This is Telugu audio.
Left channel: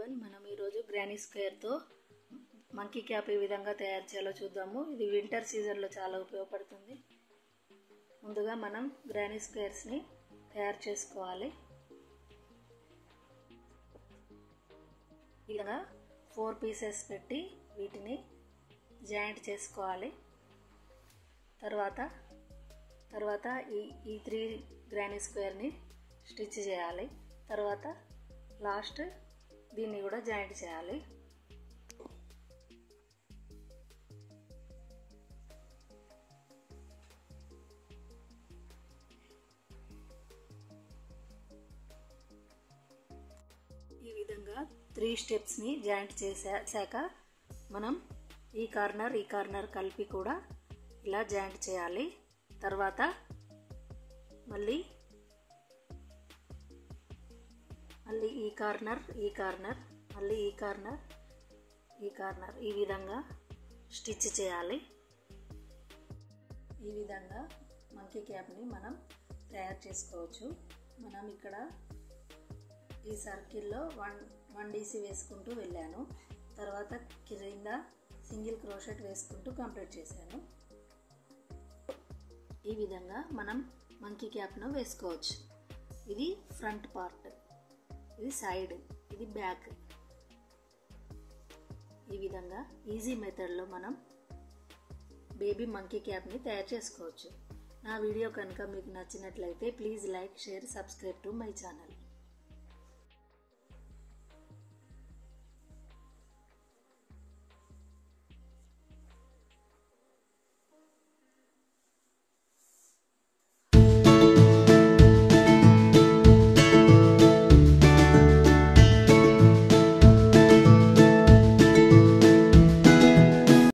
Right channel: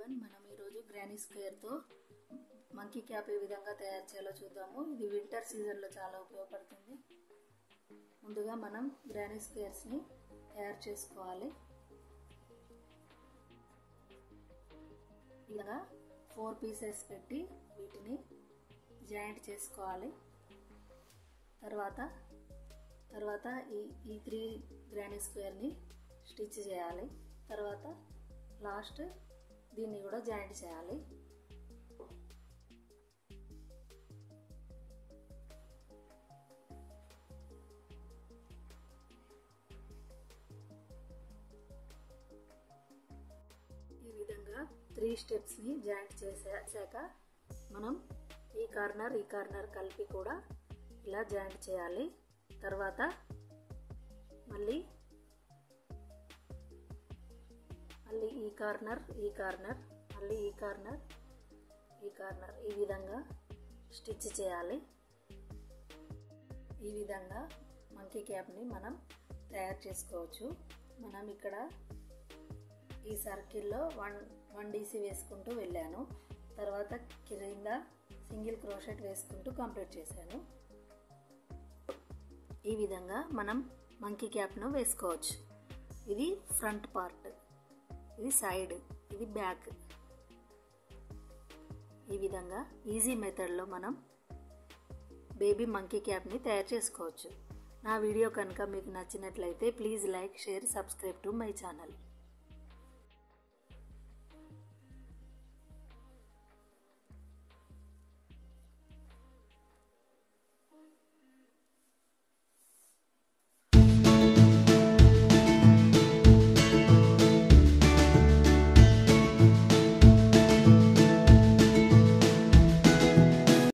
ఎవ్రీవన్, మనం ఈరోజు గ్రానీ స్క్వేర్తో మంకీ క్యాప్ ఏ విధంగా తయారు చేయాలో చూద్దాము. ఇది వింటర్ సీజన్లో చాలా ఉపయోగపడుతుంది. ముందుగా మనం గ్రానీ స్క్వేర్స్ని తయారు చేసుకోవాలి. ఇలా 4 పీసెస్ పెట్టి వీటిని జాయింట్ చేసుకోవాలి. తర్వాత ఈ 3 గ్రానీ స్క్వేర్ని స్టిచ్ చేయాలి. తర్వాత లాస్ట్ దీన్ని కూడా జాయింట్ చేయాలి. ఈ విధంగా 3 స్టెప్స్ని జాయింట్ చేశాక మనం ఈ కార్నర్ కలిపి కూడా ఇలా జాయింట్ చేయాలి. తర్వాత మళ్ళీ ఈ కార్నర్ మళ్ళీ ఈ కార్నర్ ఈ విధంగా స్టిచ్ చేయాలి. ఈ విధంగా మంకీ క్యాప్ని మనం తయారు చేసుకోవచ్చు. మనం ఇక్కడ ఈ సర్కిల్లో 1 DC వేసుకుంటూ వెళ్ళాను. తర్వాత కింద సింగిల్ క్రోషెట్ వేసుకుంటూ కంప్లీట్ చేశాను. ఈ విధంగా మనం మంకీ క్యాప్ను వేసుకోవచ్చు. ఇది ఫ్రంట్ పార్ట్, ఇది సైడ్, ఇది బ్యాక్. ఈ విధంగా ఈజీ మెథడ్లో మనం బేబీ మంకీ క్యాప్ని తయారు చేసుకోవచ్చు. నా వీడియో కనుక మీకు నచ్చినట్లయితే please like, share, subscribe to my channel.